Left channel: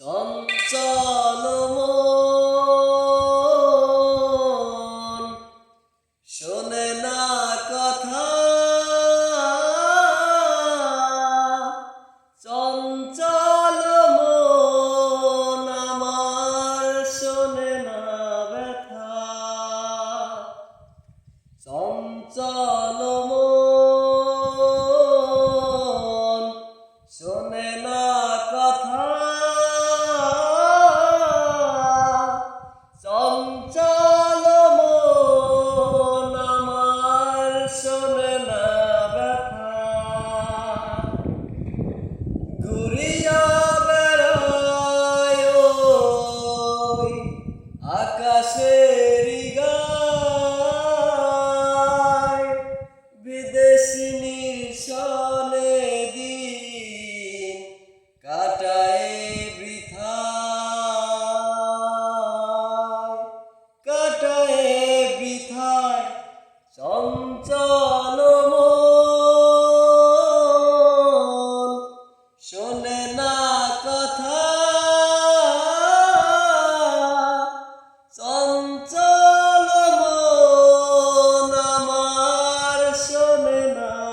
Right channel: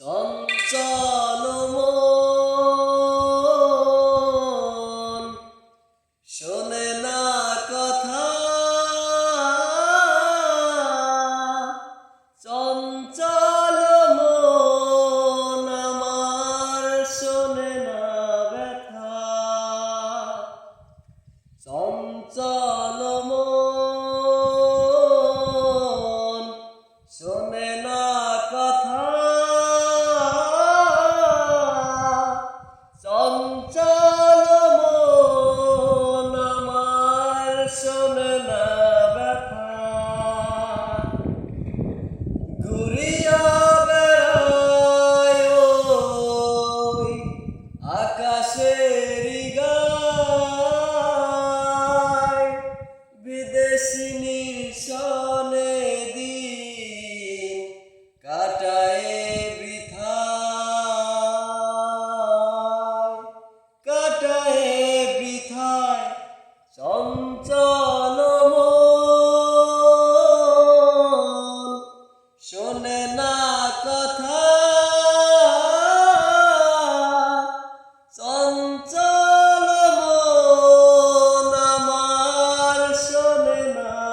চঞ্চল মন। শোনে না কথা। চঞ্চল মন আমার শোনে না ব্যথা। চঞ্চল মন। শোনে না কথা। চঞ্চল মন আমার শোনে না ব্যথা। ঘুরিয়া বেড়ায় আকাশের গায় শোনে না কথা। চঞ্চল আমার শোনে না।